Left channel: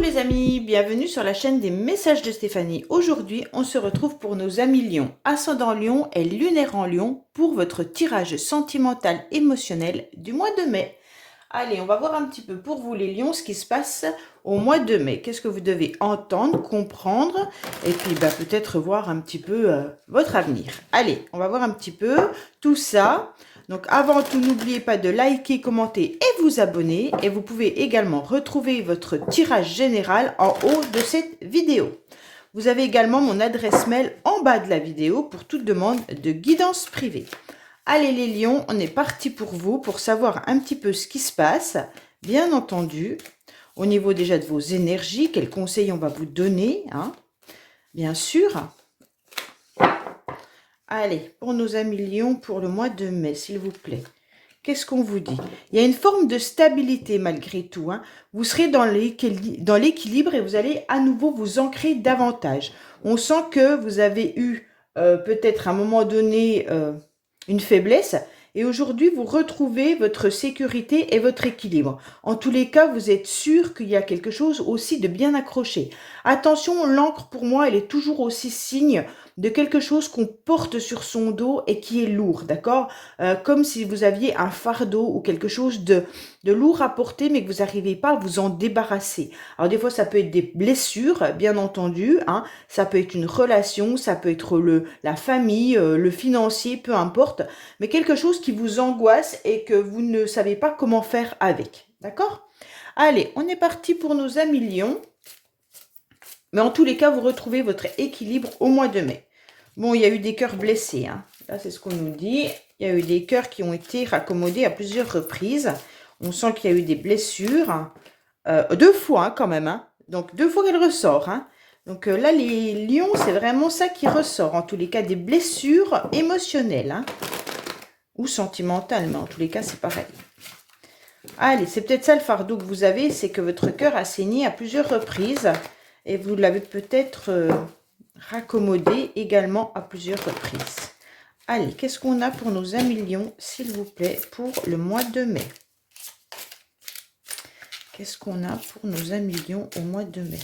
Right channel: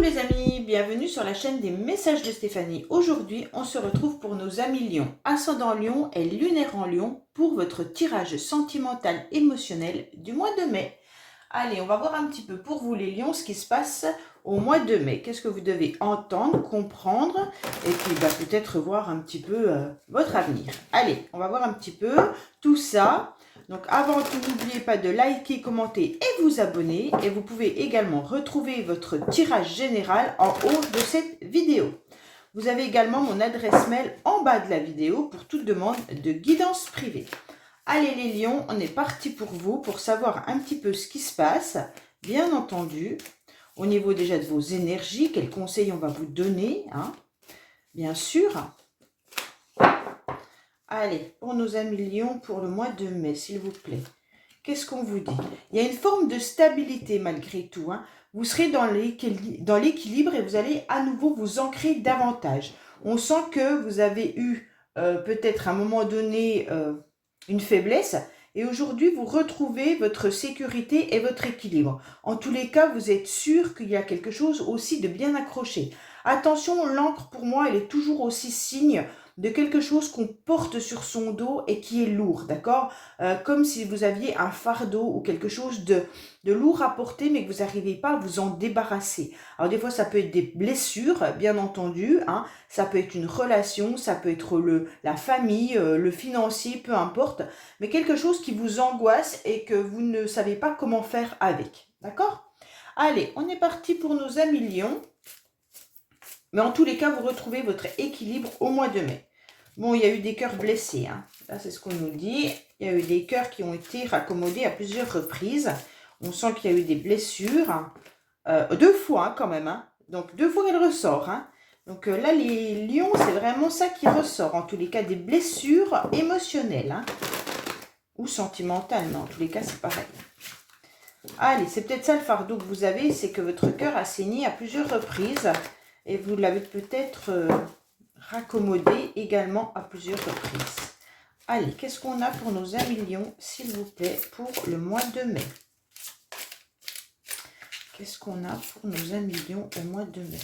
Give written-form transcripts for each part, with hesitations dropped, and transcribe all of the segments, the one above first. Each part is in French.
les amis, bienvenue sur la chaîne des messages de Stéphanie. Aujourd'hui, on se retrouve pour nos amis Lion, ascendant Lion et lunaire en Lion pour votre tirage sentimental émotionnel du mois de mai. Allez, on va voir un petit peu pour vous les Lions ce qui se passe au mois de mai. Qu'est-ce que vous devez entendre, comprendre et puis peut-être voir un petit peu votre avenir. Allez, on va voir un petit peu tout ça. Donc avant tout, n'oubliez pas de liker, commenter et vous abonner. Et vous pouvez également retrouver votre tirage général en haut de cette vidéo. Vous avez également mon adresse mail en bas de la vidéo pour toute demande de guidance privée. Allez les lions, on est parti pour vous, pour savoir un petit peu ce qui se passe, bien entendu, au niveau déjà de vos énergies, quels conseils on va vous donner, hein, bien sûr. Allez, pour nos amis lions, pour le mois de mai, s'il vous plaît. Qu'est-ce qu'on vous dit? Il y a une forme de stabilité malgré tout, hein. Vous serez dans l'équilibre et vous allez à nouveau vous ancrer davantage. On sent que vous avez eu peut-être à un moment donné une faiblesse et aujourd'hui vous retrouvez votre sécurité et votre équilibre. En tous les cas, vous êtes sûr qu'il y a quelque chose aussi de bien accroché. Attention, l'encre pour moi, elle est toujours aussi signe de quelque chose qu'on porte sur son dos et qui est lourd, d'accord? Comme si vous aviez un fardeau ou quelque chose de lourd à porter, mais que vous n'arrivez pas à vous en débarrasser. Alors des fois, ça peut être des blessures, bien entendu, hein. Ça peut être une relation, ça peut être la famille, le financier, peu importe, mais quelque chose qui vous angoisse et que vous ne savez pas comment faire avec, d'accord? Allez, on est parti pour nos amis lions. Mais en tous les cas, vous retrouvez votre équilibre au mois de mai. Bon, il y a eu des cœurs blessés, hein. Là, c'est ce qu'on nous dit. Il y a eu des cœurs qui ont été raccommodés à plusieurs reprises. On sent qu'il y a eu des blessures. 2 fois, hein, quand même, hein. Donc, 2 fois qu'elle ressort, hein. Donc là, les lions, c'est vraiment ça qui ressort. En tous les cas, des blessures émotionnelles, hein. Ou sentimentales, mais en tous les cas, c'est pareil. Allez, c'est peut-être ça le fardeau que vous avez, c'est que votre cœur a saigné à plusieurs reprises. Et vous l'avez peut-être raccommodé également à plusieurs reprises. Allez, qu'est-ce qu'on a pour nos amis lions, s'il vous plaît, pour le mois de mai? Qu'est-ce qu'on a pour nos amis lions au mois de mai?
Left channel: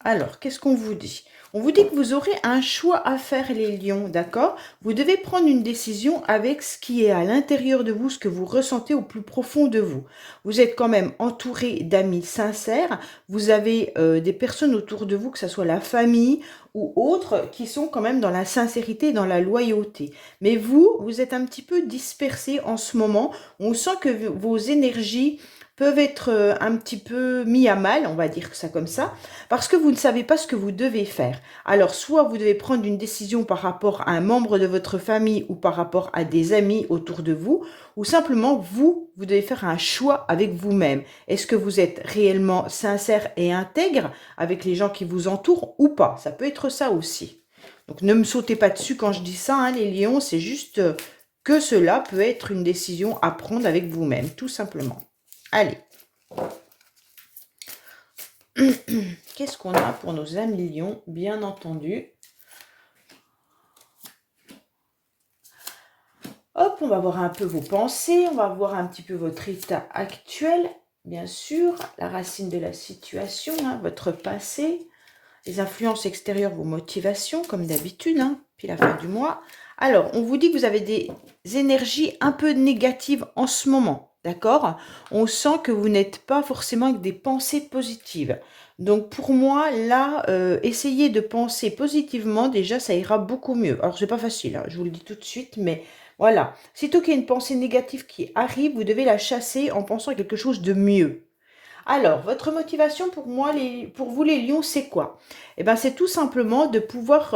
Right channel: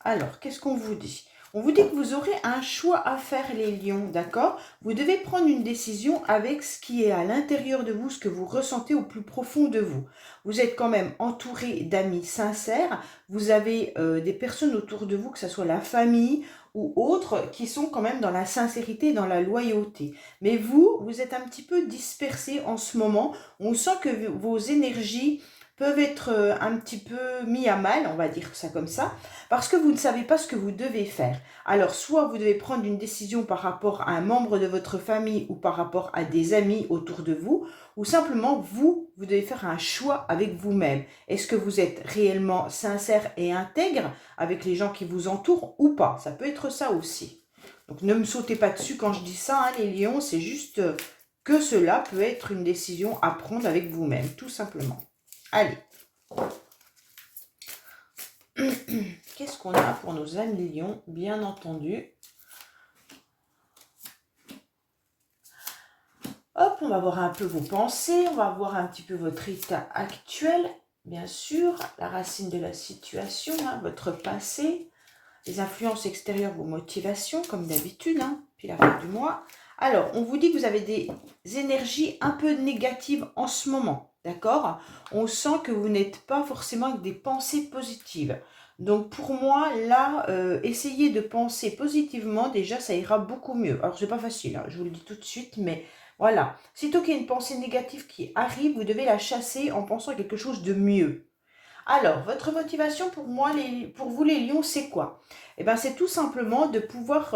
Alors, qu'est-ce qu'on vous dit? On vous dit que vous aurez un choix à faire, les lions, d'accord? Vous devez prendre une décision avec ce qui est à l'intérieur de vous, ce que vous ressentez au plus profond de vous. Vous êtes quand même entouré d'amis sincères. Vous avez des personnes autour de vous, que ce soit la famille ou autres, qui sont quand même dans la sincérité et dans la loyauté. Mais vous êtes un petit peu dispersé en ce moment. On sent que vos énergies peuvent être un petit peu mis à mal, on va dire ça comme ça, parce que vous ne savez pas ce que vous devez faire. Alors, soit vous devez prendre une décision par rapport à un membre de votre famille ou par rapport à des amis autour de vous, ou simplement vous devez faire un choix avec vous-même. Est-ce que vous êtes réellement sincère et intègre avec les gens qui vous entourent ou pas? Ça peut être ça aussi. Donc, ne me sautez pas dessus quand je dis ça, hein, les lions, c'est juste que cela peut être une décision à prendre avec vous-même, tout simplement. Allez. Qu'est-ce qu'on a pour nos amis lions, bien entendu? Hop, on va voir un peu vos pensées, on va voir un petit peu votre état actuel, bien sûr, la racine de la situation, hein, votre passé, les influences extérieures, vos motivations, comme d'habitude, hein, puis la fin du mois. Alors, on vous dit que vous avez des énergies un peu négatives en ce moment, d'accord? On sent que vous n'êtes pas forcément avec des pensées positives. Donc, pour moi, là, essayez de penser positivement, déjà, ça ira beaucoup mieux. Alors, c'est pas facile, hein, je vous le dis tout de suite, mais voilà. Sitôt qu'il y a une pensée négative qui arrive, vous devez la chasser en pensant à quelque chose de mieux. Alors, votre motivation pour moi, pour vous les lions, c'est quoi? Eh bien, c'est tout simplement de pouvoir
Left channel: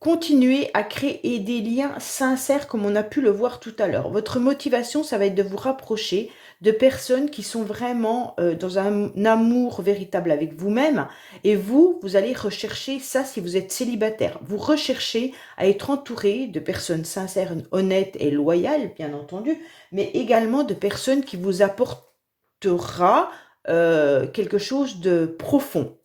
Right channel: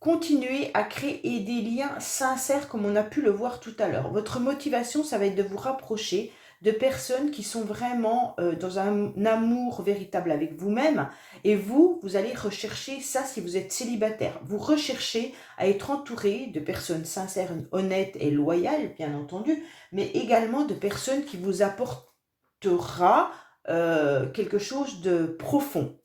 continuer à créer des liens sincères comme on a pu le voir tout à l'heure. Votre motivation, ça va être de vous rapprocher de personnes qui sont vraiment dans un amour véritable avec vous-même. Et vous allez rechercher ça si vous êtes célibataire. Vous recherchez à être entouré de personnes sincères, honnêtes et loyales, bien entendu, mais également de personnes qui vous apportera quelque chose de profond.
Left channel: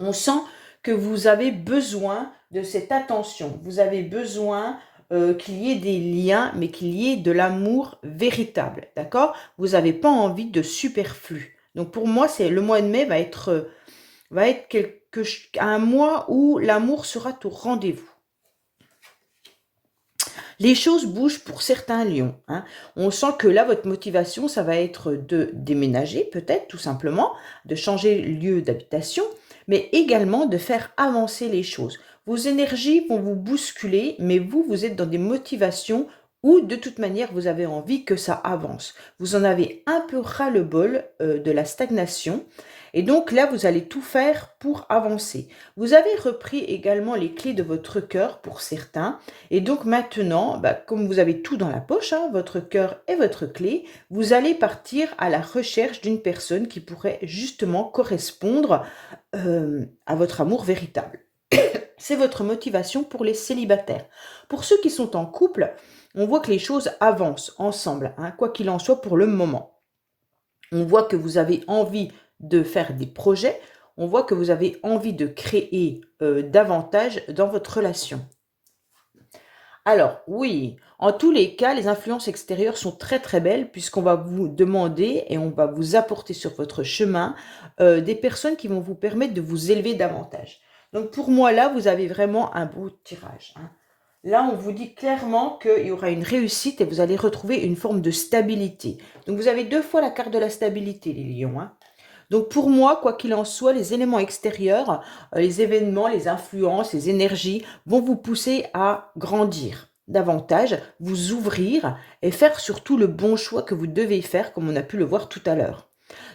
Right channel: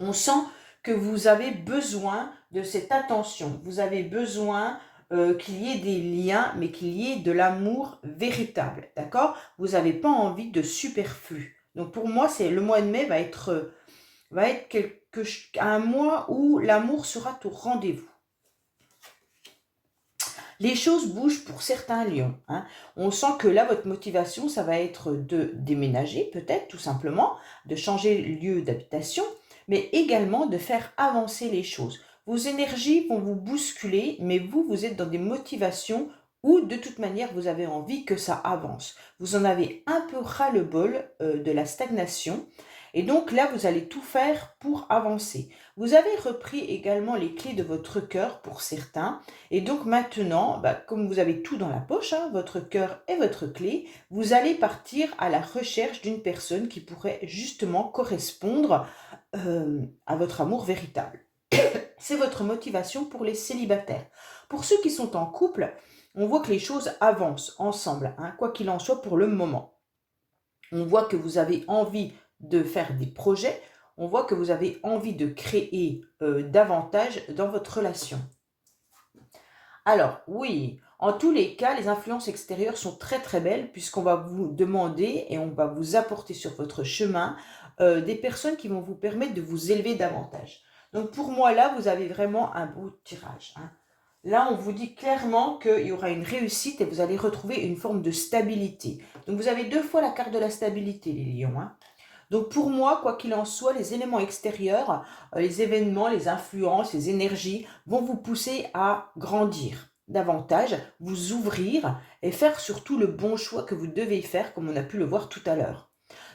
On sent que vous avez besoin de cette attention. Vous avez besoin qu'il y ait des liens, mais qu'il y ait de l'amour véritable, d'accord? Vous n'avez pas envie de superflu. Donc pour moi, le mois de mai va être un mois où l'amour sera au rendez-vous. Les choses bougent pour certains lions, hein. On sent que là, votre motivation, ça va être de déménager peut-être, tout simplement, de changer lieu d'habitation, mais également de faire avancer les choses. Vos énergies vont vous bousculer, mais vous êtes dans des motivations où, de toute manière, vous avez envie que ça avance. Vous en avez un peu ras-le-bol de la stagnation, et donc là, vous allez tout faire pour avancer. Vous avez repris également les clés de votre cœur pour certains, et donc maintenant, comme vous avez tout dans la poche, hein, votre cœur et votre clé, vous allez partir à la recherche d'une personne qui pourrait justement correspondre à votre amour véritable. C'est votre motivation pour les célibataires. Pour ceux qui sont en couple, on voit que les choses avancent ensemble, hein, quoi qu'il en soit pour le moment. On voit que vous avez envie de faire des projets, on voit que vous avez envie de créer davantage dans votre relation. Alors, oui, en tous les cas, les influences extérieures sont très très belles puisqu'on va vous demander et on va vous apporter sur votre chemin des personnes qui vont vous permettre de vous élever davantage. Donc pour moi, là, vous avez vraiment un beau tirage, hein. Là, on vous dit clairement qu'il y aura une réussite et vous allez retrouver une forme de stabilité. Donc vous avez 2 fois la carte de la stabilité, les lions, hein. Donc pour moi, quoi qu'il en soit, les éléments extérieurs, les événements, les influences, les énergies vont vous pousser à grandir davantage, vous ouvrir et faire surtout le bon choix que vous devez faire, comme on a pu le voir tout à l'heure.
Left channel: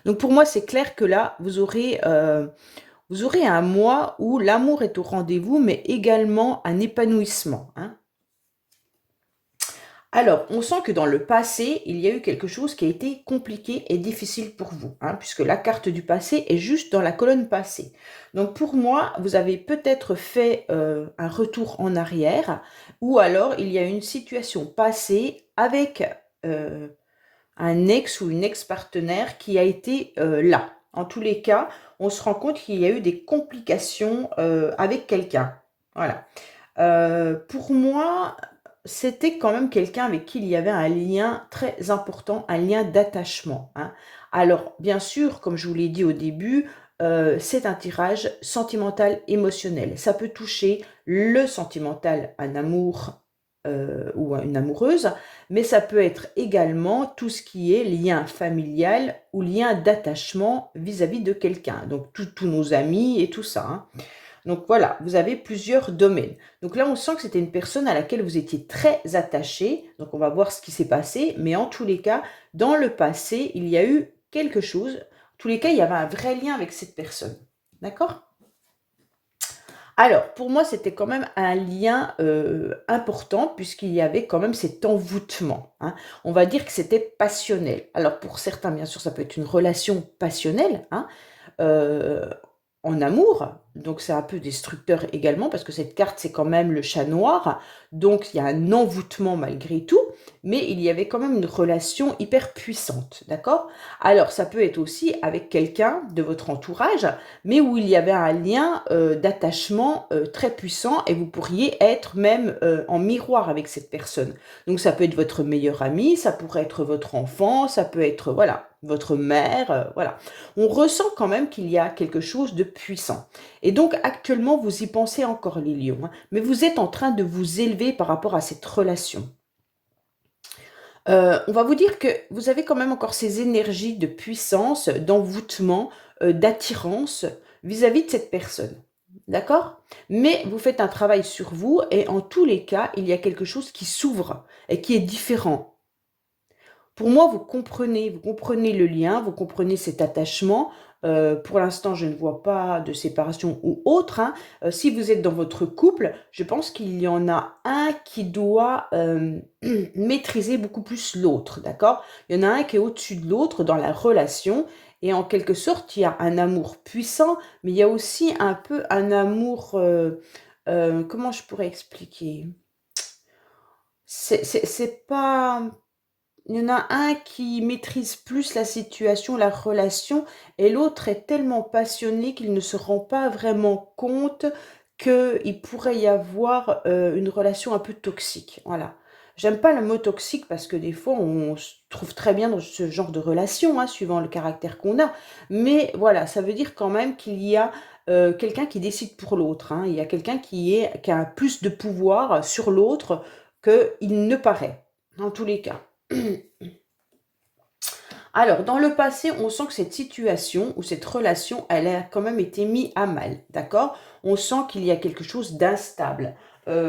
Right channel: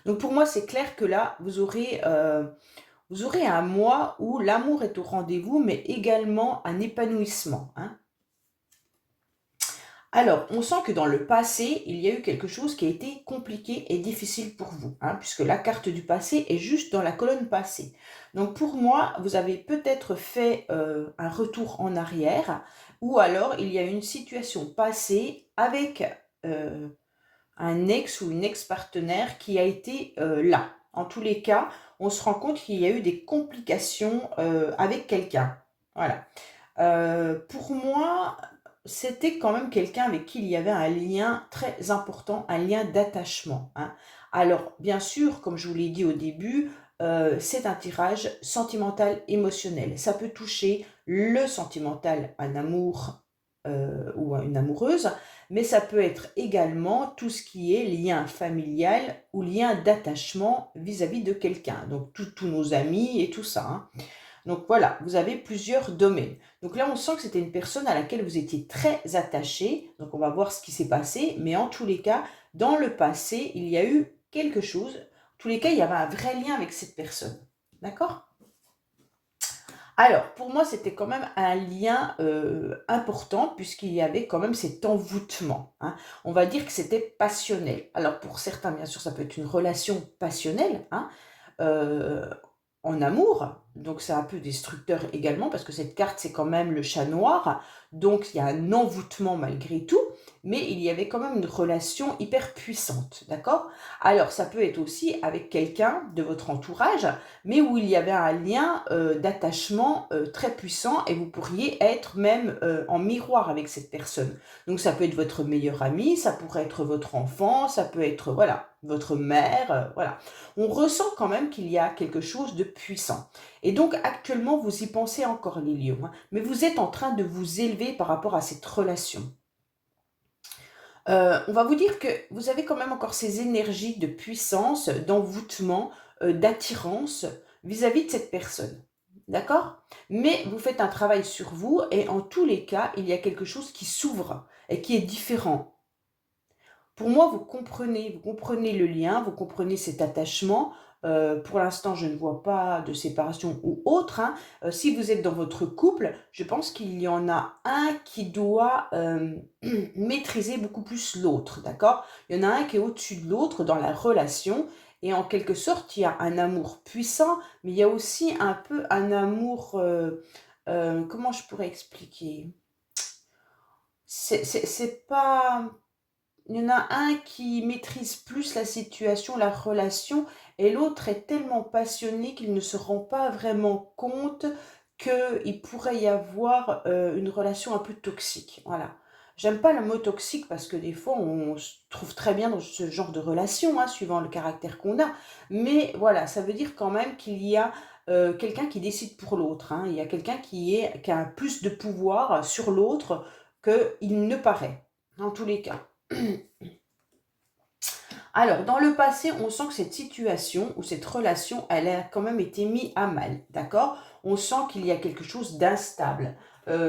Donc pour moi, c'est clair que là, vous aurez un mois où l'amour est au rendez-vous, mais également un épanouissement, hein. Alors, on sent que dans le passé, il y a eu quelque chose qui a été compliqué et difficile pour vous, hein, puisque la carte du passé est juste dans la colonne passée. Donc pour moi, vous avez peut-être fait un retour en arrière, ou alors il y a une situation passée avec un ex ou une ex-partenaire qui a été là. En tous les cas, on se rend compte qu'il y a eu des complications avec quelqu'un. Voilà. Pour moi, c'était quand même quelqu'un avec qui il y avait un lien très important, un lien d'attachement, hein. Alors, bien sûr, comme je vous l'ai dit au début, c'est un tirage sentimental émotionnel. Ça peut toucher le sentimental, un amour ou une amoureuse, mais ça peut être également tout ce qui est lien familial ou lien d'attachement vis-à-vis de quelqu'un. Donc, tous nos amis et tout ça, hein. Donc voilà, vous avez plusieurs domaines. Donc là, on sent que c'était une personne à laquelle vous étiez très attaché. Donc on va voir ce qui s'est passé. Mais en tous les cas, dans le passé, il y a eu quelque chose. En tous les cas, il y avait un vrai lien avec cette personne. D'accord? Alors, pour moi, c'était quand même un lien important puisqu'il y avait quand même cet envoûtement, hein. On va dire que c'était passionnel. Alors pour certains, bien sûr, ça peut être une relation passionnelle, hein, euh, en amour. Donc c'est un peu destructeur également parce que cette carte, c'est quand même le chat noir. Donc il y a un envoûtement malgré tout, mais il y avait quand même une relation hyper puissante, d'accord? Alors ça peut être aussi avec quelqu'un de votre entourage, mais où il y avait un lien d'attachement très puissant et vous pourriez être même en miroir avec cette personne. Donc ça peut être votre meilleur ami, ça pourrait être votre enfant, ça peut être, voilà, votre mère, voilà. On ressent quand même qu'il y a quelque chose de puissant. Et donc actuellement, vous y pensez encore, les lions, hein, mais vous êtes en train de vous élever par rapport à cette relation. On va vous dire que vous avez quand même encore ces énergies de puissance, d'envoûtement, d'attirance vis-à-vis de cette personne. D'accord? Mais vous faites un travail sur vous et en tous les cas, il y a quelque chose qui s'ouvre et qui est différent. Pour moi, vous comprenez le lien, vous comprenez cet attachement. Pour l'instant, je ne vois pas de séparation ou autre, hein. Si vous êtes dans votre couple, je pense qu'il y en a un qui doit maîtriser beaucoup plus l'autre, d'accord? Il y en a un qui est au-dessus de l'autre dans la relation. Et en quelque sorte, il y a un amour puissant, mais il y a aussi un peu un amour... comment je pourrais expliquer? C'est pas... Il y en a un qui maîtrise plus la situation, la relation, et l'autre est tellement passionné qu'il ne se rend pas vraiment compte qu'il pourrait y avoir une relation un peu toxique. Voilà. J'aime pas le mot toxique parce que des fois, on se trouve très bien dans ce genre de relation, hein, suivant le caractère qu'on a. Mais voilà, ça veut dire quand même qu'il y a quelqu'un qui décide pour l'autre, hein. Il y a quelqu'un qui a plus de pouvoir sur l'autre qu'il ne paraît, dans tous les cas. Alors, dans le passé, on sent que cette situation ou cette relation, elle a quand même été mise à mal, d'accord? On sent qu'il y a quelque chose d'instable.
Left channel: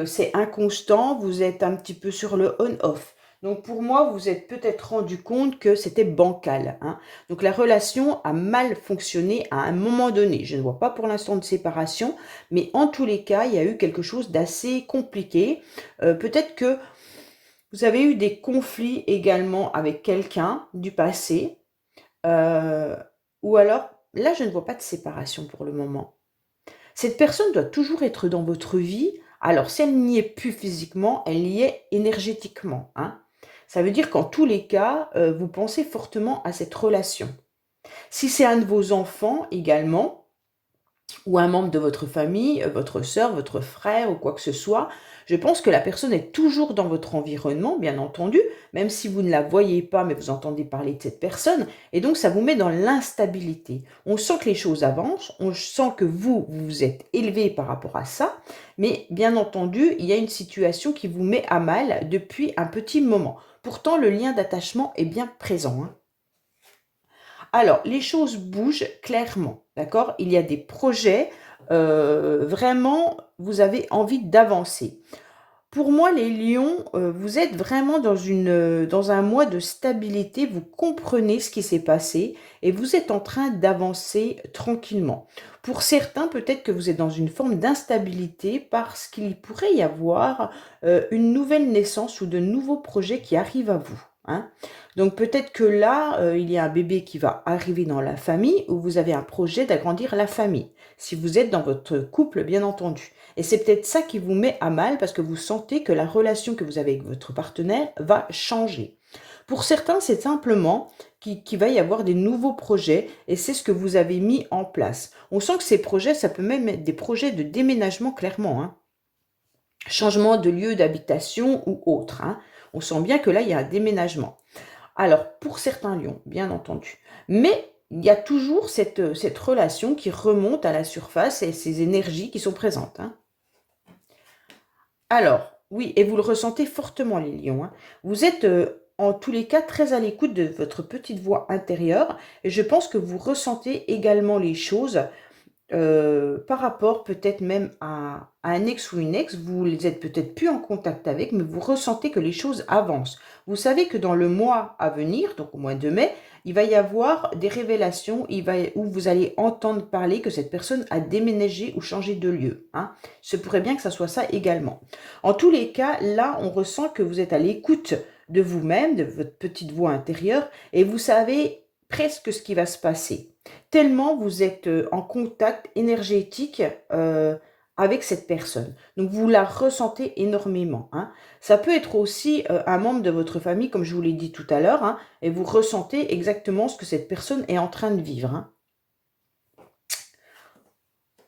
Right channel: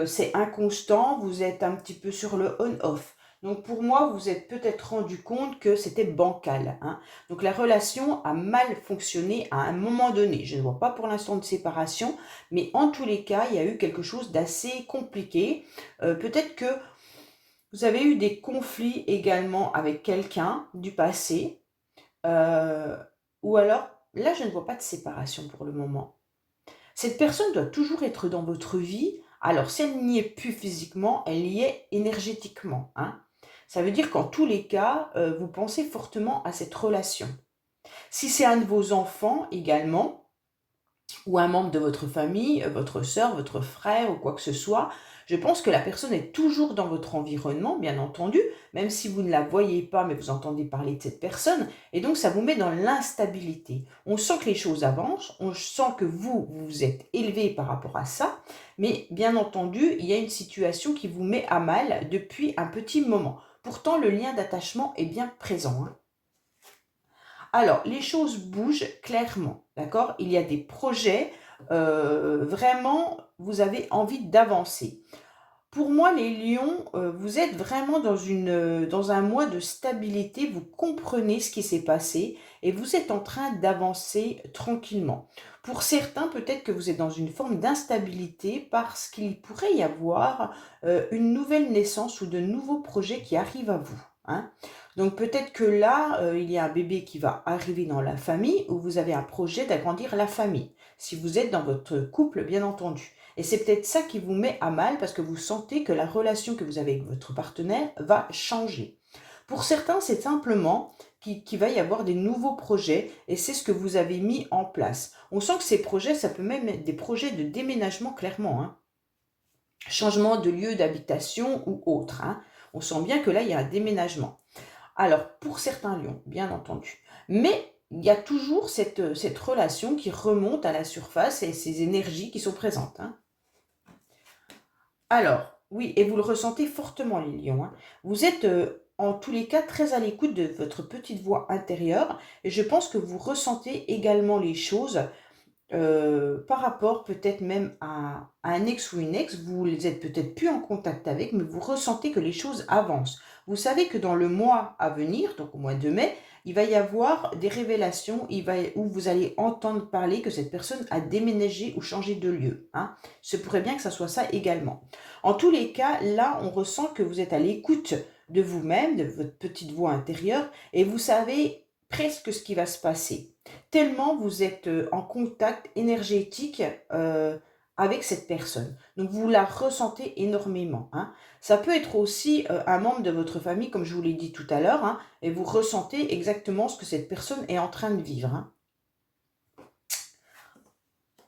C'est inconstant, vous êtes un petit peu sur le on-off. Donc pour moi, vous êtes peut-être rendu compte que c'était bancal, hein. Donc la relation a mal fonctionné à un moment donné. Je ne vois pas pour l'instant de séparation, mais en tous les cas, il y a eu quelque chose d'assez compliqué. Peut-être que vous avez eu des conflits également avec quelqu'un du passé, euh, ou alors, là, je ne vois pas de séparation pour le moment. Cette personne doit toujours être dans votre vie. Alors, si elle n'y est plus physiquement, elle y est énergétiquement, hein. Ça veut dire qu'en tous les cas, vous pensez fortement à cette relation. Si c'est un de vos enfants également, ou un membre de votre famille, votre sœur, votre frère ou quoi que ce soit, je pense que la personne est toujours dans votre environnement, bien entendu, même si vous ne la voyez pas, mais vous entendez parler de cette personne, et donc ça vous met dans l'instabilité. On sent que les choses avancent, on sent que vous vous êtes élevé par rapport à ça, mais bien entendu, il y a une situation qui vous met à mal depuis un petit moment. Pourtant, le lien d'attachement est bien présent, hein. Alors, les choses bougent clairement, d'accord? Il y a des projets, vraiment, vous avez envie d'avancer. Pour moi, les lions, vous êtes vraiment dans un mois de stabilité, vous comprenez ce qui s'est passé et vous êtes en train d'avancer tranquillement. Pour certains, peut-être que vous êtes dans une forme d'instabilité parce qu'il pourrait y avoir une nouvelle naissance ou de nouveaux projets qui arrivent à vous, hein. Donc peut-être que là, il y a un bébé qui va arriver dans la famille ou vous avez un projet d'agrandir la famille, si vous êtes dans votre couple, bien entendu. Et c'est peut-être ça qui vous met à mal parce que vous sentez que la relation que vous avez avec votre partenaire va changer. Pour certains, c'est simplement qu'il va y avoir des nouveaux projets et c'est ce que vous avez mis en place. On sent que ces projets, ça peut même être des projets de déménagement clairement, hein. Changement de lieu d'habitation ou autre, hein. On sent bien que là, il y a un déménagement. Alors, pour certains lions, bien entendu. Mais il y a toujours cette relation qui remonte à la surface et ces énergies qui sont présentes, hein. Alors, oui, et vous le ressentez fortement, les lions, hein. Vous êtes en tous les cas très à l'écoute de votre petite voix intérieure et je pense que vous ressentez également les choses par rapport peut-être même à un ex ou une ex, vous les êtes peut-être plus en contact avec, mais vous ressentez que les choses avancent. Vous savez que dans le mois à venir, donc au mois de mai, il va y avoir des révélations où vous allez entendre parler que cette personne a déménagé ou changé de lieu, hein. Ce pourrait bien que ça soit ça également. En tous les cas, là, on ressent que vous êtes à l'écoute de vous-même, de votre petite voix intérieure, et vous savez presque ce qui va se passer tellement vous êtes en contact énergétique avec cette personne. Donc vous la ressentez énormément, hein. Ça peut être aussi un membre de votre famille, comme je vous l'ai dit tout à l'heure, hein, et vous ressentez exactement ce que cette personne est en train de vivre, hein.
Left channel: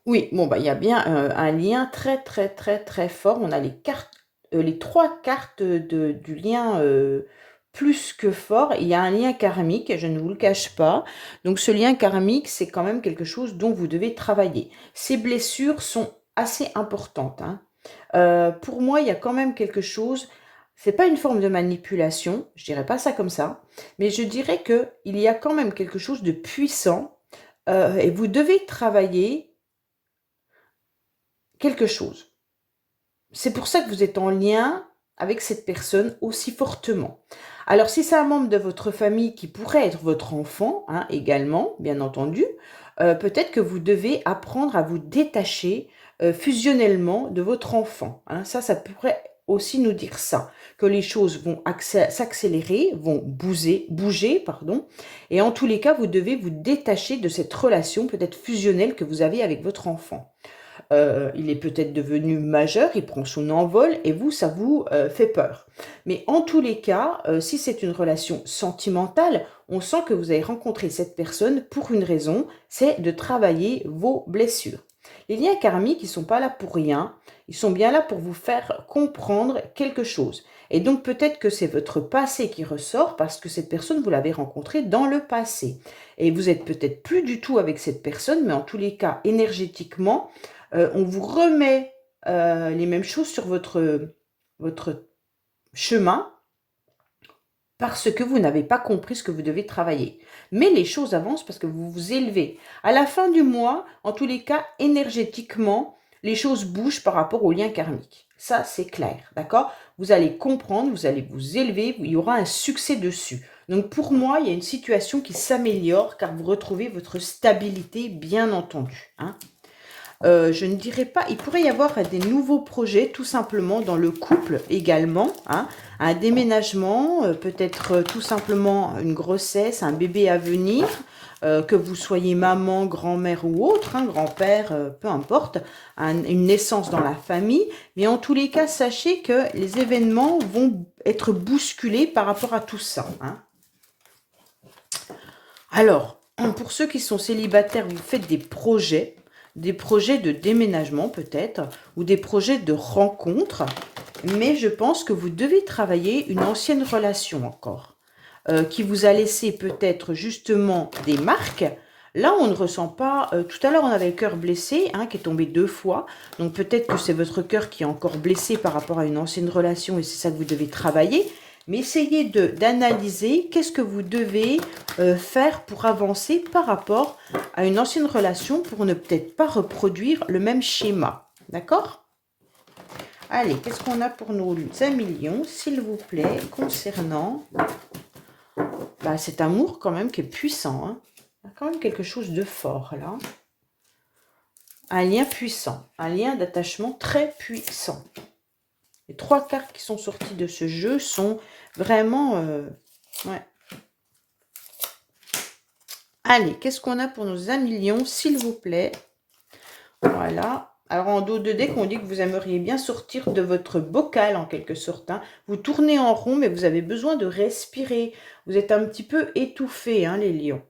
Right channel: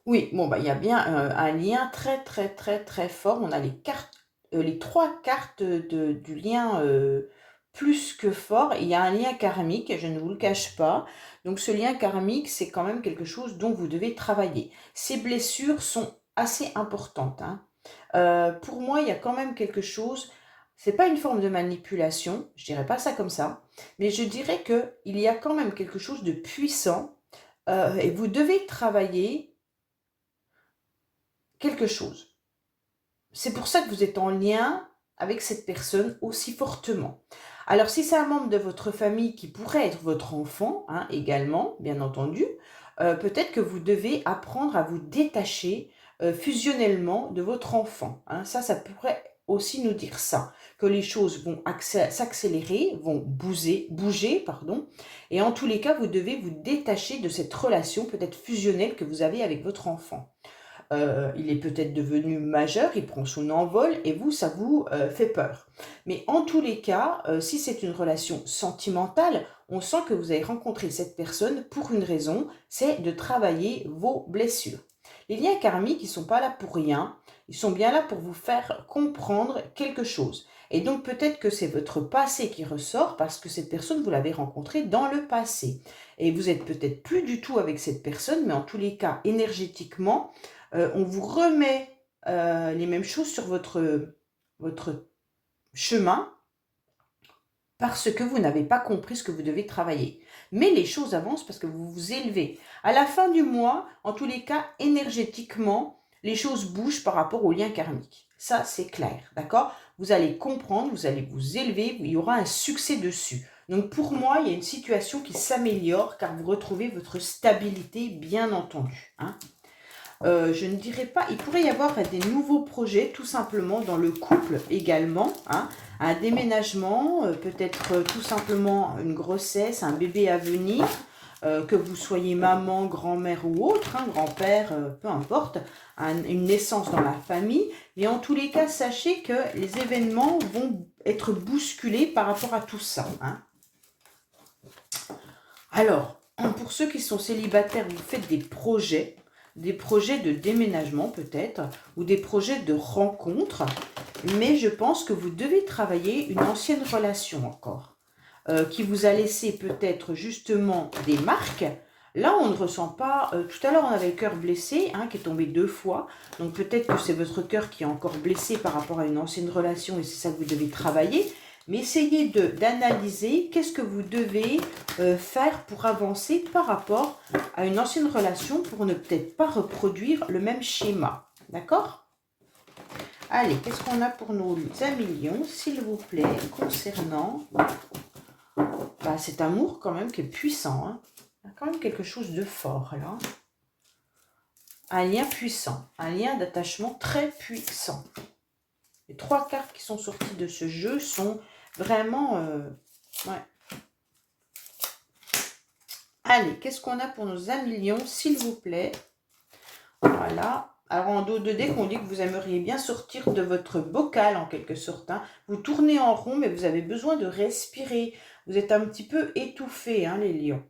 Oui, bon, bah, il y a bien un lien très, très, très, très fort. On a les trois cartes du lien plus que fort. Il y a un lien karmique, je ne vous le cache pas. Donc, ce lien karmique, c'est quand même quelque chose dont vous devez travailler. Ces blessures sont assez importantes, hein. Pour moi, il y a quand même quelque chose. C'est pas une forme de manipulation, je dirais pas ça comme ça, mais je dirais que il y a quand même quelque chose de puissant et vous devez travailler quelque chose. C'est pour ça que vous êtes en lien avec cette personne aussi fortement. Alors, si c'est un membre de votre famille qui pourrait être votre enfant, hein, également, bien entendu, peut-être que vous devez apprendre à vous détacher fusionnellement de votre enfant, hein. Ça pourrait aussi nous dire ça, que les choses vont s'accélérer, vont bouger, pardon, et en tous les cas, vous devez vous détacher de cette relation peut-être fusionnelle que vous avez avec votre enfant. Il est peut-être devenu majeur, il prend son envol et vous, ça vous fait peur. Mais en tous les cas, si c'est une relation sentimentale, on sent que vous avez rencontré cette personne pour une raison, c'est de travailler vos blessures. Les liens karmiques, ils ne sont pas là pour rien. Ils sont bien là pour vous faire comprendre quelque chose. Et donc peut-être que c'est votre passé qui ressort parce que cette personne, vous l'avez rencontrée dans le passé. Et vous êtes peut-être plus du tout avec cette personne, mais en tous les cas, énergétiquement, on vous remet les mêmes choses sur votre chemin parce que vous n'avez pas compris ce que vous devez travailler. Mais les choses avancent parce que vous vous élevez. À la fin du mois, en tous les cas, énergétiquement, les choses bougent par rapport au lien karmique. Ça, c'est clair, d'accord? Vous allez comprendre, vous allez vous élever, il y aura un succès dessus. Donc pour moi, il y a une situation qui s'améliore car vous retrouvez votre stabilité, bien entendu, hein. Je ne dirais pas, il pourrait y avoir des nouveaux projets tout simplement dans le couple également, hein, un déménagement, peut-être tout simplement une grossesse, un bébé à venir, que vous soyez maman, grand-mère ou autre, hein, grand-père, peu importe, une naissance dans la famille, mais en tous les cas, sachez que les événements vont être bousculés par rapport à tout ça, hein. Alors, pour ceux qui sont célibataires, vous faites des projets de déménagement peut-être, ou des projets de rencontre, mais je pense que vous devez travailler une ancienne relation encore, qui vous a laissé peut-être justement des marques. Là, on ne ressent pas... tout à l'heure, on avait le cœur blessé, hein, qui est tombé 2 fois. Donc peut-être que c'est votre cœur qui est encore blessé par rapport à une ancienne relation et c'est ça que vous devez travailler. Mais essayez d'analyser qu'est-ce que vous devez faire pour avancer par rapport à une ancienne relation pour ne peut-être pas reproduire le même schéma. D'accord? Allez, qu'est-ce qu'on a pour nos amis lions, s'il vous plaît, concernant cet amour quand même qui est puissant, hein. Il y a quand même quelque chose de fort là. Un lien puissant, un lien d'attachement très puissant. Les 3 cartes qui sont sorties de ce jeu sont vraiment... ouais. Allez, qu'est-ce qu'on a pour nos amis lions, s'il vous plaît? Voilà. Alors, en dos de deck, on dit que vous aimeriez bien sortir de votre bocal, en quelque sorte, hein. Vous tournez en rond, mais vous avez besoin de respirer. Vous êtes un petit peu étouffé, hein, les lions.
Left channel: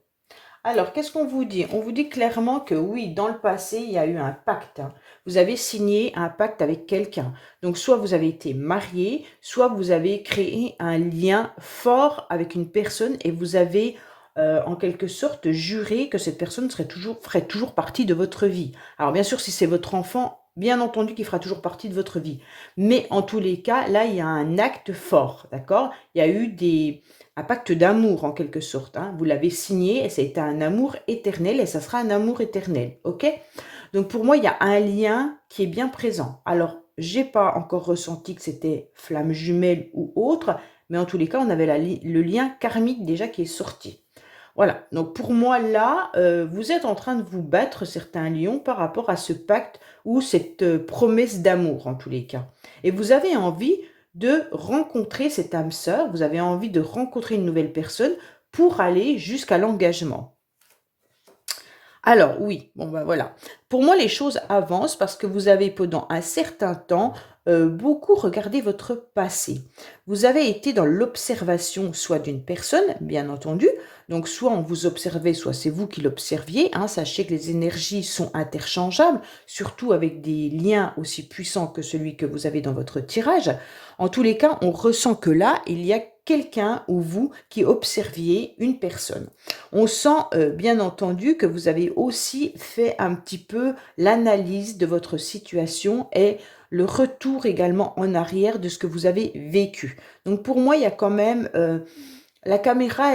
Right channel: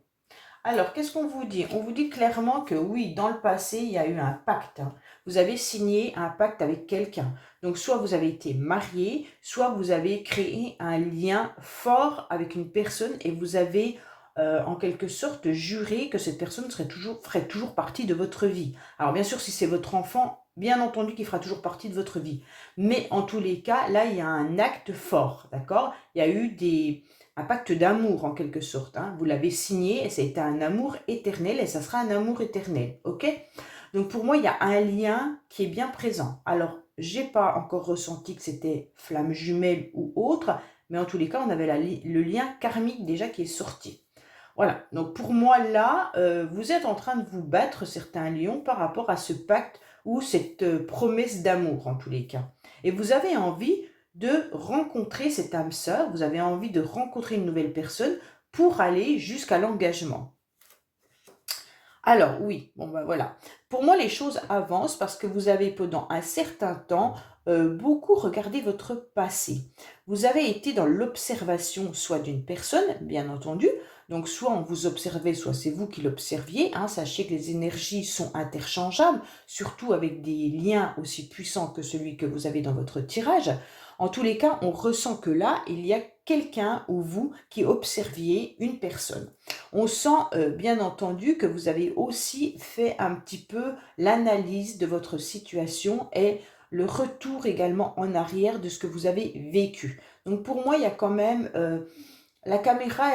Alors, qu'est-ce qu'on vous dit? On vous dit clairement que oui, dans le passé, il y a eu un pacte, hein. Vous avez signé un pacte avec quelqu'un. Donc, soit vous avez été marié, soit vous avez créé un lien fort avec une personne et vous avez, en quelque sorte, juré que cette personne ferait toujours partie de votre vie. Alors, bien sûr, si c'est votre enfant, bien entendu qu'il fera toujours partie de votre vie. Mais en tous les cas, là, il y a un acte fort, d'accord? Il y a eu un pacte d'amour en quelque sorte, hein. Vous l'avez signé et c'est un amour éternel et ça sera un amour éternel, ok? Donc pour moi, il y a un lien qui est bien présent. Alors, j'ai pas encore ressenti que c'était flamme jumelle ou autre, mais en tous les cas, on avait le lien karmique déjà qui est sorti. Voilà, donc pour moi là, vous êtes en train de vous battre certains lions par rapport à ce pacte ou cette promesse d'amour en tous les cas. Et vous avez envie de rencontrer cette âme sœur, vous avez envie de rencontrer une nouvelle personne pour aller jusqu'à l'engagement. Alors oui, bon ben voilà. Pour moi, les choses avancent parce que vous avez pendant un certain temps beaucoup regardé votre passé. Vous avez été dans l'observation soit d'une personne, bien entendu, donc soit on vous observait, soit c'est vous qui l'observiez, hein. Sachez que les énergies sont interchangeables, surtout avec des liens aussi puissants que celui que vous avez dans votre tirage. En tous les cas, on ressent que là, il y a quelqu'un ou vous qui observiez une personne. On sent bien entendu que vous avez aussi fait un petit peu l'analyse de votre situation et le retour également en arrière de ce que vous avez vécu. Donc pour moi, il y a quand même... la caméra,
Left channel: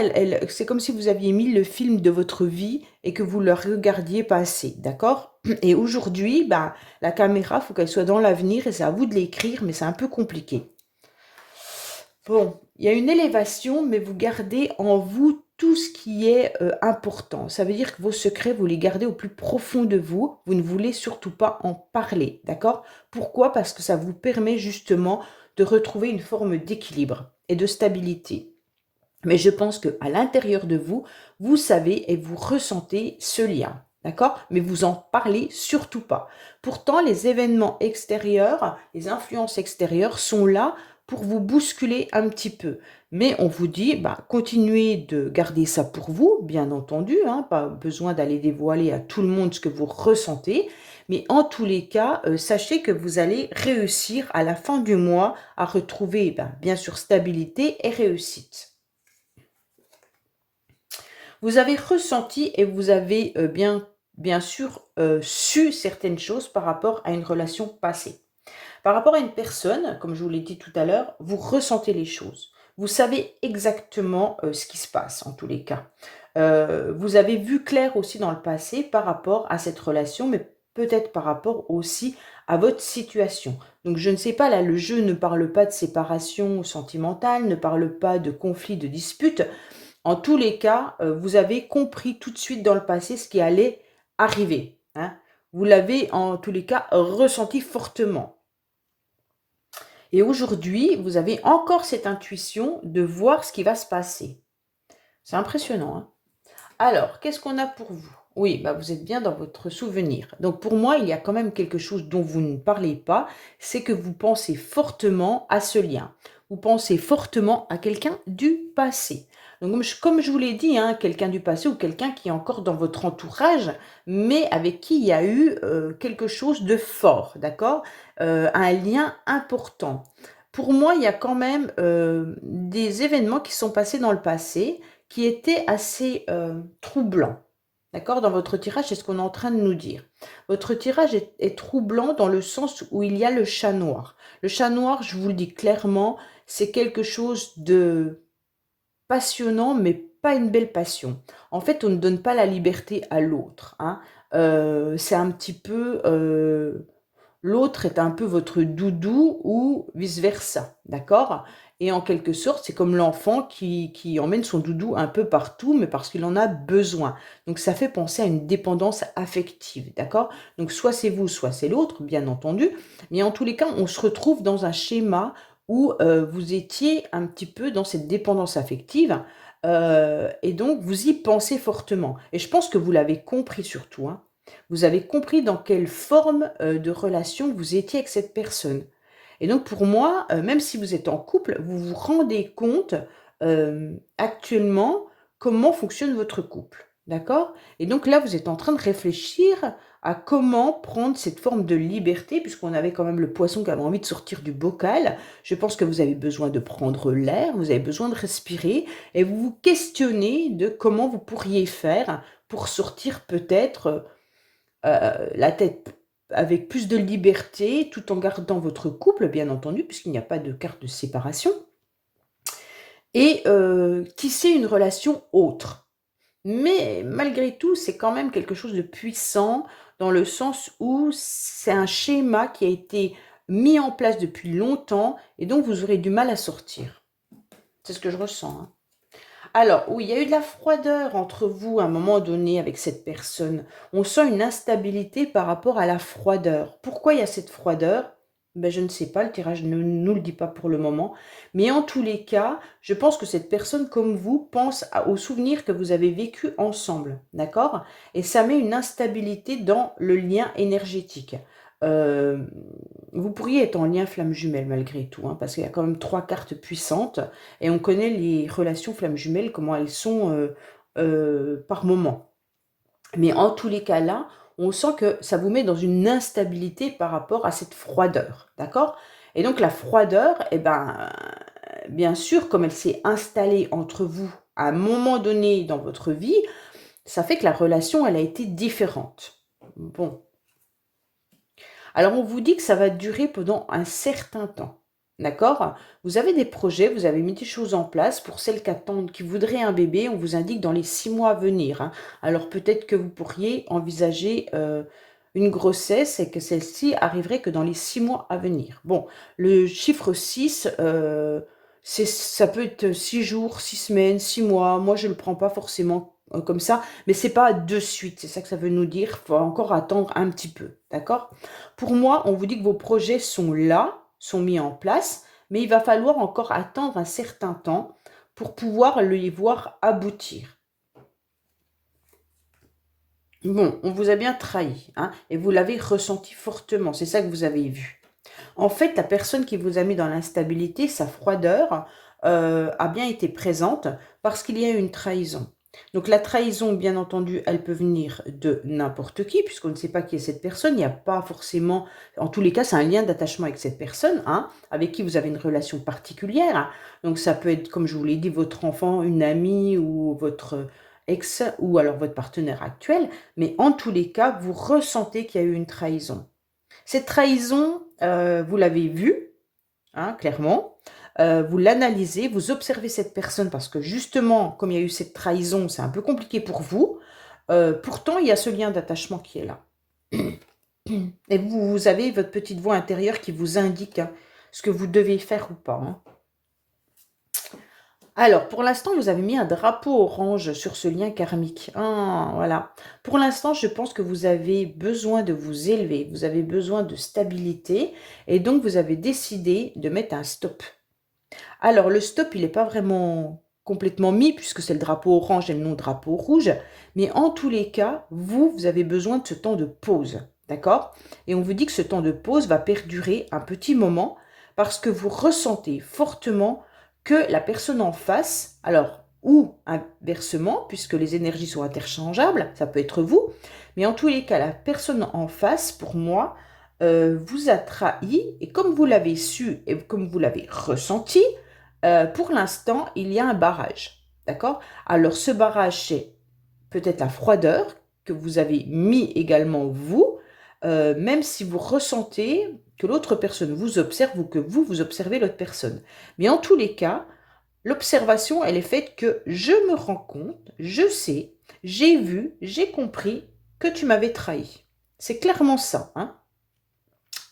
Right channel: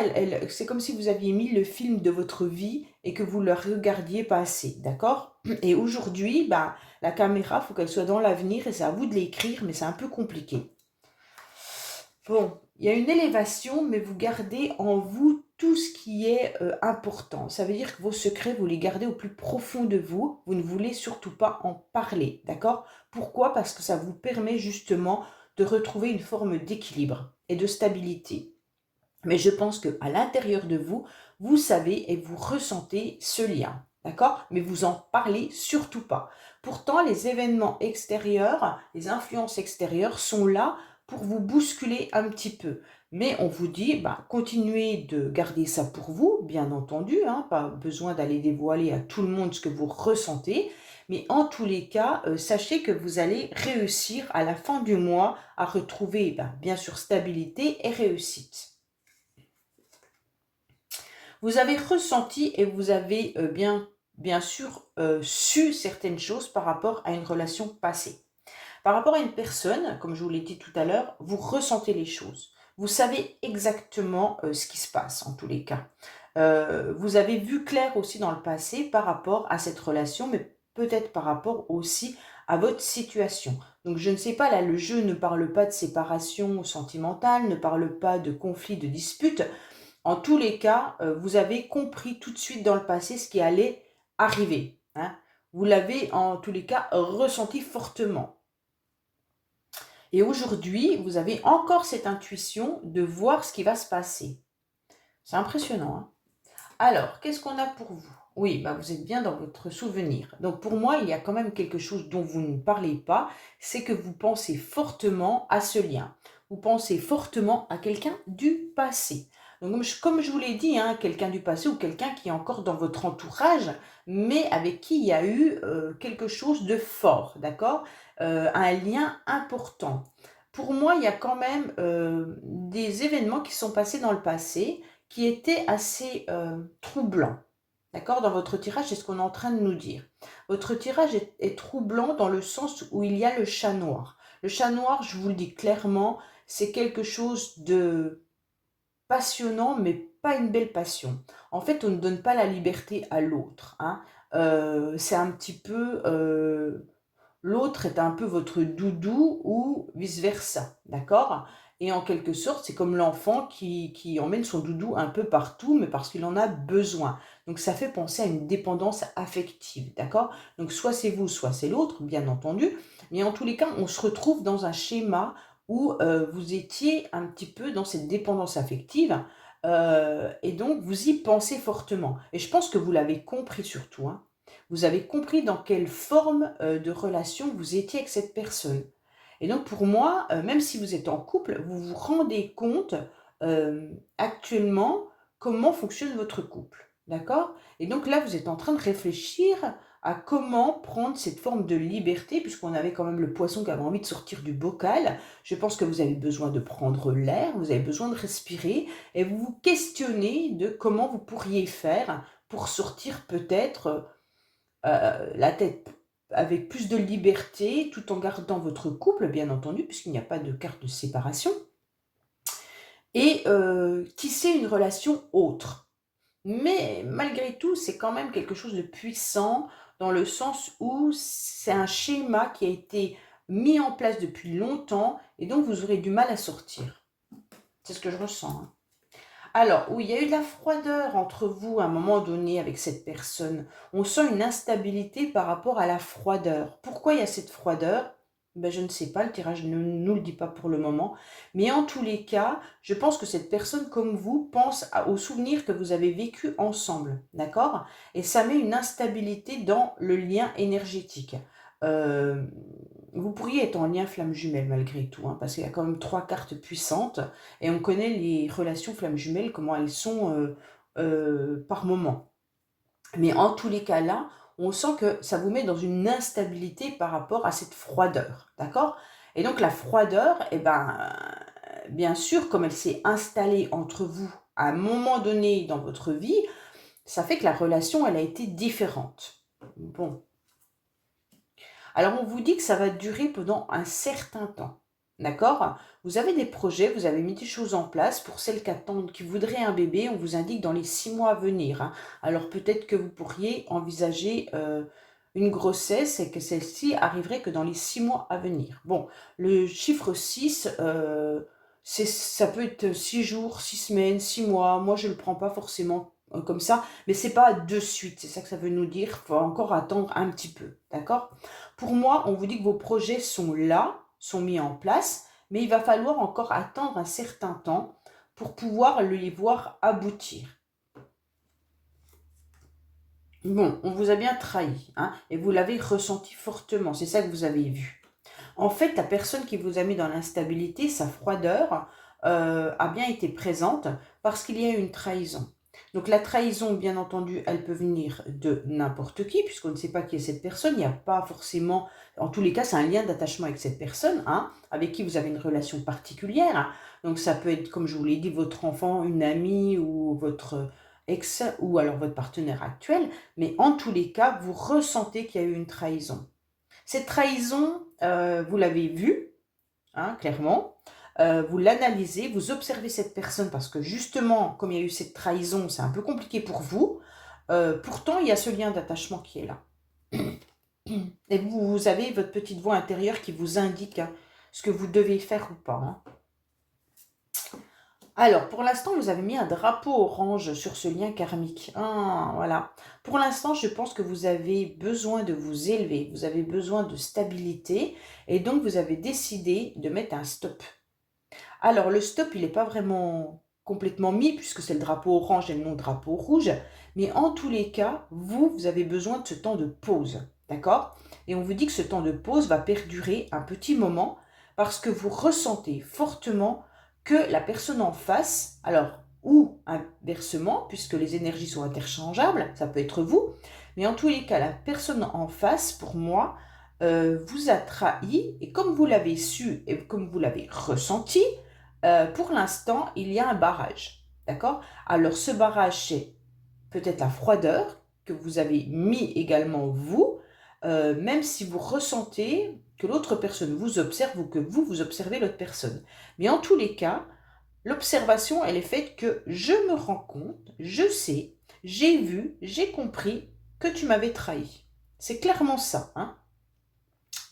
c'est comme si vous aviez mis le film de votre vie et que vous le regardiez passer, d'accord? Et aujourd'hui, la caméra, il faut qu'elle soit dans l'avenir et c'est à vous de l'écrire, mais c'est un peu compliqué. Bon, il y a une élévation, mais vous gardez en vous tout ce qui est important. Ça veut dire que vos secrets, vous les gardez au plus profond de vous. Vous ne voulez surtout pas en parler, d'accord? Pourquoi? Parce que ça vous permet justement de retrouver une forme d'équilibre et de stabilité. Mais je pense qu'à l'intérieur de vous, vous savez et vous ressentez ce lien, d'accord? Mais vous en parlez surtout pas. Pourtant, les événements extérieurs, les influences extérieures sont là pour vous bousculer un petit peu. Mais on vous dit, continuez de garder ça pour vous, bien entendu, hein, pas besoin d'aller dévoiler à tout le monde ce que vous ressentez, Mais en tous les cas, sachez que vous allez réussir à la fin du mois à retrouver, bien sûr, stabilité et réussite. Vous avez ressenti et vous avez bien sûr su certaines choses par rapport à une relation passée. Par rapport à une personne, comme je vous l'ai dit tout à l'heure, vous ressentez les choses. Vous savez exactement ce qui se passe en tous les cas. Vous avez vu clair aussi dans le passé par rapport à cette relation, mais peut-être par rapport aussi à votre situation. Donc je ne sais pas, là le jeu ne parle pas de séparation sentimentale, ne parle pas de conflit, de dispute. En tous les cas, vous avez compris tout de suite dans le passé ce qui allait arriver, hein. Vous l'avez en tous les cas ressenti fortement. Et aujourd'hui, vous avez encore cette intuition de voir ce qui va se passer. C'est impressionnant, hein. Alors, qu'est-ce qu'on a pour vous? Oui, vous êtes bien dans votre souvenir. Donc pour moi, il y a quand même quelque chose dont vous ne parlez pas, c'est que vous pensez fortement à ce lien. Vous pensez fortement à quelqu'un du passé. Donc comme je vous l'ai dit, hein, quelqu'un du passé ou quelqu'un qui est encore dans votre entourage, mais avec qui il y a eu quelque chose de fort, d'accord? Un lien important. Pour moi, il y a quand même des événements qui sont passés dans le passé qui était assez troublant. D'accord? Dans votre tirage, c'est ce qu'on est en train de nous dire. Votre tirage est troublant dans le sens où il y a le chat noir. Le chat noir, je vous le dis clairement, c'est quelque chose de passionnant, mais pas une belle passion. En fait, on ne donne pas la liberté à l'autre, hein. C'est un petit peu... l'autre est un peu votre doudou ou vice-versa, d'accord? Et en quelque sorte, c'est comme l'enfant qui emmène son doudou un peu partout, mais parce qu'il en a besoin. Donc ça fait penser à une dépendance affective, d'accord? Donc soit c'est vous, soit c'est l'autre, bien entendu. Mais en tous les cas, on se retrouve dans un schéma où vous étiez un petit peu dans cette dépendance affective, et donc vous y pensez fortement. Et je pense que vous l'avez compris surtout, hein. Vous avez compris dans quelle forme de relation vous étiez avec cette personne. Et donc pour moi, même si vous êtes en couple, vous vous rendez compte actuellement comment fonctionne votre couple. D'accord? Et donc là, vous êtes en train de réfléchir à comment prendre cette forme de liberté, puisqu'on avait quand même le poisson qui avait envie de sortir du bocal. Je pense que vous avez besoin de prendre l'air, vous avez besoin de respirer, et vous vous questionnez de comment vous pourriez faire pour sortir peut-être la tête avec plus de liberté, tout en gardant votre couple, bien entendu, puisqu'il n'y a pas de carte de séparation, et tisser une relation autre. Mais malgré tout, c'est quand même quelque chose de puissant, dans le sens où c'est un schéma qui a été mis en place depuis longtemps, et donc vous aurez du mal à sortir. C'est ce que je ressens, hein. Alors, oui, il y a eu de la froideur entre vous à un moment donné avec cette personne. On sent une instabilité par rapport à la froideur. Pourquoi il y a cette froideur? Je ne sais pas, le tirage ne nous le dit pas pour le moment. Mais en tous les cas, je pense que cette personne, comme vous, pense aux souvenirs que vous avez vécus ensemble. D'accord? Et ça met une instabilité dans le lien énergétique. Euh, Vous pourriez être en lien flamme jumelle malgré tout, hein, parce qu'il y a quand même 3 cartes puissantes. Et on connaît les relations flammes jumelles, comment elles sont par moment. Mais en tous les cas là, on sent que ça vous met dans une instabilité par rapport à cette froideur. D'accord? Et donc la froideur, bien sûr, comme elle s'est installée entre vous à un moment donné dans votre vie, ça fait que la relation, elle a été différente. Bon. Alors on vous dit que ça va durer pendant un certain temps. D'accord? Vous avez des projets, vous avez mis des choses en place. Pour celles qui attendent, qui voudraient un bébé, on vous indique dans les 6 mois à venir, hein. Alors peut-être que vous pourriez envisager une grossesse et que celle-ci arriverait que dans les 6 mois à venir. Bon, le chiffre 6, ça peut être 6 jours, 6 semaines, 6 mois. Moi, je ne le prends pas forcément comme ça, mais c'est pas de suite. C'est ça que ça veut nous dire. Il faut encore attendre un petit peu. D'accord? Pour moi, on vous dit que vos projets sont là, sont mis en place, mais il va falloir encore attendre un certain temps pour pouvoir les voir aboutir. Bon, on vous a bien trahi, hein, et vous l'avez ressenti fortement, c'est ça que vous avez vu. En fait, la personne qui vous a mis dans l'instabilité, sa froideur, a bien été présente parce qu'il y a eu une trahison. Donc la trahison, bien entendu, elle peut venir de n'importe qui, puisqu'on ne sait pas qui est cette personne. Il n'y a pas forcément, en tous les cas, c'est un lien d'attachement avec cette personne, hein, avec qui vous avez une relation particulière, hein. Donc ça peut être, comme je vous l'ai dit, votre enfant, une amie ou votre ex ou alors votre partenaire actuel. Mais en tous les cas, vous ressentez qu'il y a eu une trahison. Cette trahison, vous l'avez vue, hein, clairement. Vous l'analysez, vous observez cette personne parce que justement, comme il y a eu cette trahison, c'est un peu compliqué pour vous. Pourtant, il y a ce lien d'attachement qui est là. Et vous avez votre petite voix intérieure qui vous indique, hein, ce que vous devez faire ou pas, hein. Alors, pour l'instant, vous avez mis un drapeau orange sur ce lien karmique. Ah, voilà. Pour l'instant, je pense que vous avez besoin de vous élever, vous avez besoin de stabilité, et donc vous avez décidé de mettre un stop. Alors, le stop, il n'est pas vraiment complètement mis, puisque c'est le drapeau orange et non drapeau rouge. Mais en tous les cas, vous avez besoin de ce temps de pause. D'accord? Et on vous dit que ce temps de pause va perdurer un petit moment parce que vous ressentez fortement que la personne en face, alors, ou inversement, puisque les énergies sont interchangeables, ça peut être vous, mais en tous les cas, la personne en face, pour moi, vous a trahi, et comme vous l'avez su et comme vous l'avez ressenti, pour l'instant, il y a un barrage. D'accord? Alors, ce barrage, c'est peut-être la froideur que vous avez mis également vous, même si vous ressentez que l'autre personne vous observe ou que vous observez l'autre personne. Mais en tous les cas, l'observation, elle est faite que je me rends compte, je sais, j'ai vu, j'ai compris que tu m'avais trahi. C'est clairement ça, hein.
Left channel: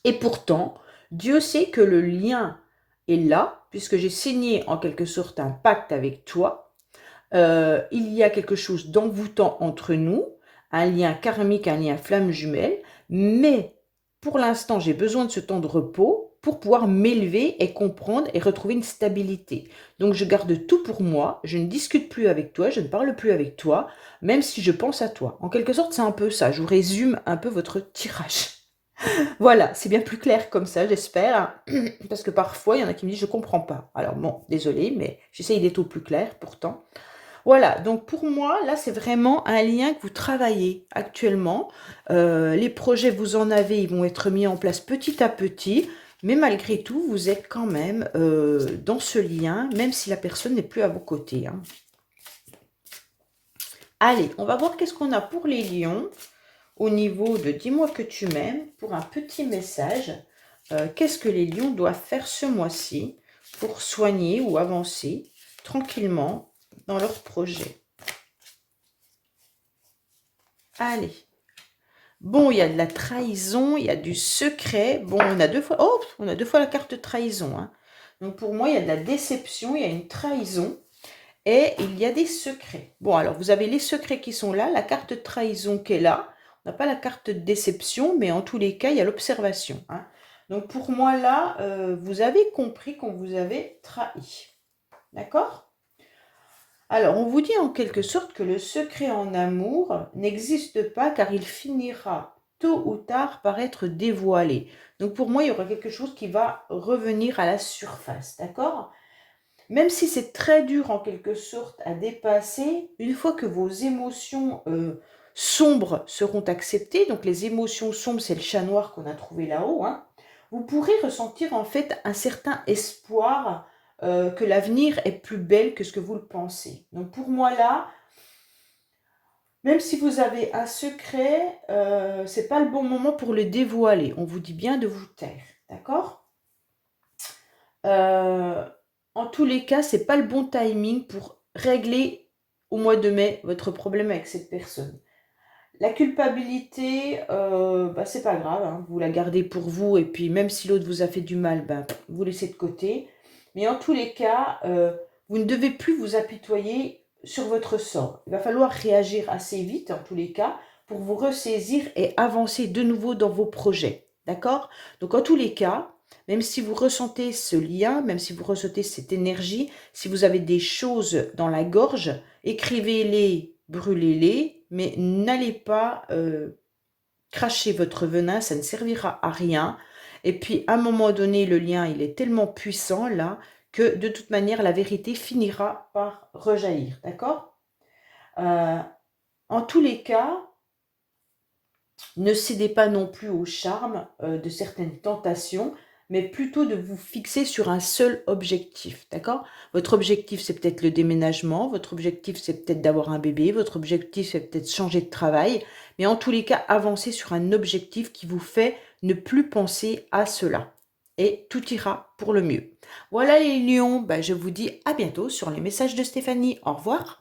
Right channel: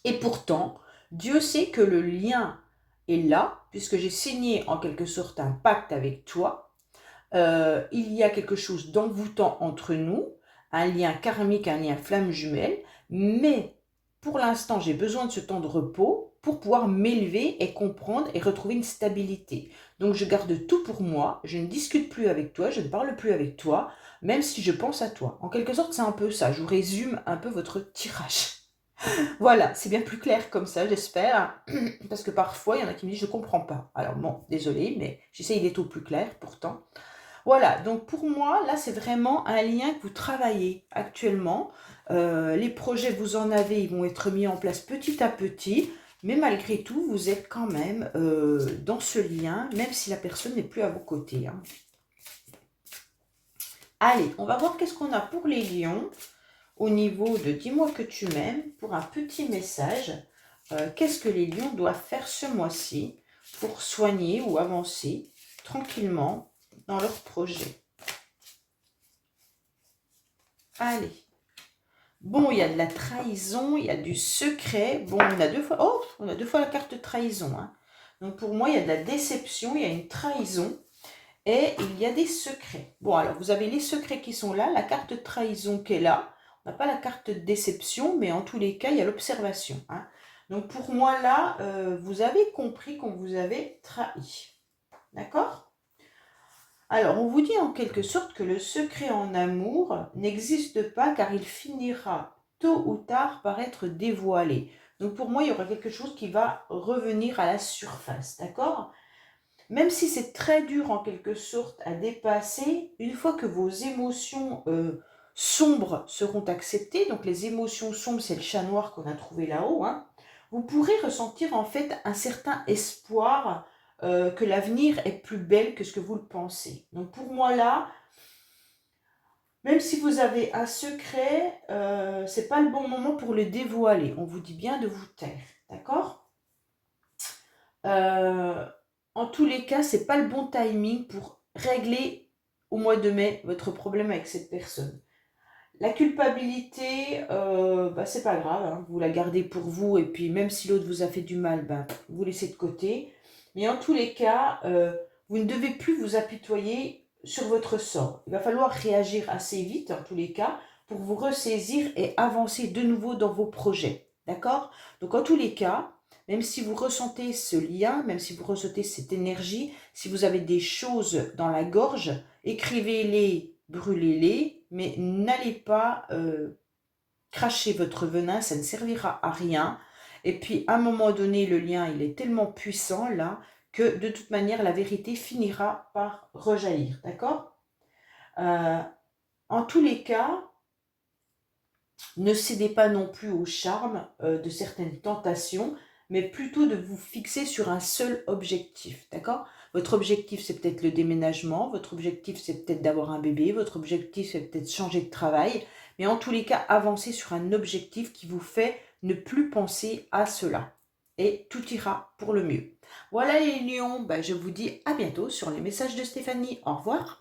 Et pourtant, Dieu sait que le lien est là, puisque j'ai signé en quelque sorte un pacte avec toi. Il y a quelque chose d'envoûtant entre nous, un lien karmique, un lien flamme jumelle, mais pour l'instant, j'ai besoin de ce temps de repos pour pouvoir m'élever et comprendre et retrouver une stabilité. Donc, je garde tout pour moi, je ne discute plus avec toi, je ne parle plus avec toi, même si je pense à toi. En quelque sorte, c'est un peu ça. Je vous résume un peu votre tirage. Voilà, c'est bien plus clair comme ça, j'espère. Parce que parfois, il y en a qui me disent, je ne comprends pas. Alors bon, désolé, mais j'essaye d'être au plus clair pourtant. Voilà, donc pour moi, là, c'est vraiment un lien que vous travaillez actuellement. Les projets, vous en avez, ils vont être mis en place petit à petit. Mais malgré tout, vous êtes quand même dans ce lien, même si la personne n'est plus à vos côtés, hein. Allez, on va voir qu'est-ce qu'on a pour les lions au niveau de dis-moi que tu m'aimes, pour un petit message. Qu'est-ce que les lions doivent faire ce mois-ci pour soigner ou avancer tranquillement dans leur projet? Allez. Bon, il y a de la trahison, il y a du secret. Bon, on a deux fois, oh, on a deux fois la carte trahison, hein. Donc pour moi, il y a de la déception, il y a une trahison et il y a des secrets. Bon, alors vous avez les secrets qui sont là, la carte trahison qui est là. On n'a pas la carte déception, mais en tous les cas, il y a l'observation, hein. Donc pour moi, là, vous avez compris qu'on vous avait trahi. D'accord? Alors, on vous dit en quelque sorte que le secret en amour n'existe pas car il finira tôt ou tard par être dévoilé. Donc pour moi, il y aura quelque chose qui va revenir à la surface, d'accord? Même si c'est très dur en quelque sorte à dépasser, une fois que vos émotions sombres seront acceptées, donc les émotions sombres, c'est le chat noir qu'on a trouvé là-haut, hein, vous pourrez ressentir en fait un certain espoir que l'avenir est plus belle que ce que vous le pensez. Donc pour moi là, même si vous avez un secret, c'est pas le bon moment pour le dévoiler. On vous dit bien de vous taire, d'accord? En tous les cas, c'est pas le bon timing pour régler au mois de mai votre problème avec cette personne. La culpabilité, c'est pas grave, hein, vous la gardez pour vous, et puis même si l'autre vous a fait du mal, vous laissez de côté. Mais en tous les cas, vous ne devez plus vous apitoyer sur votre sort. Il va falloir réagir assez vite, en tous les cas, pour vous ressaisir et avancer de nouveau dans vos projets. D'accord? Donc en tous les cas, même si vous ressentez ce lien, même si vous ressentez cette énergie, si vous avez des choses dans la gorge, écrivez-les, brûlez-les, mais n'allez pas cracher votre venin, ça ne servira à rien. Et puis, à un moment donné, le lien, il est tellement puissant, là, que de toute manière, la vérité finira par rejaillir, d'accord? En tous les cas, ne cédez pas non plus au charme de certaines tentations, mais plutôt de vous fixer sur un seul objectif, d'accord? Votre objectif, c'est peut-être le déménagement, votre objectif, c'est peut-être d'avoir un bébé, votre objectif, c'est peut-être changer de travail, mais en tous les cas, avancez sur un objectif qui vous fait ne plus penser à cela. Et tout ira pour le mieux. Voilà les lions, ben, je vous dis à bientôt sur les messages de Stéphanie. Au revoir.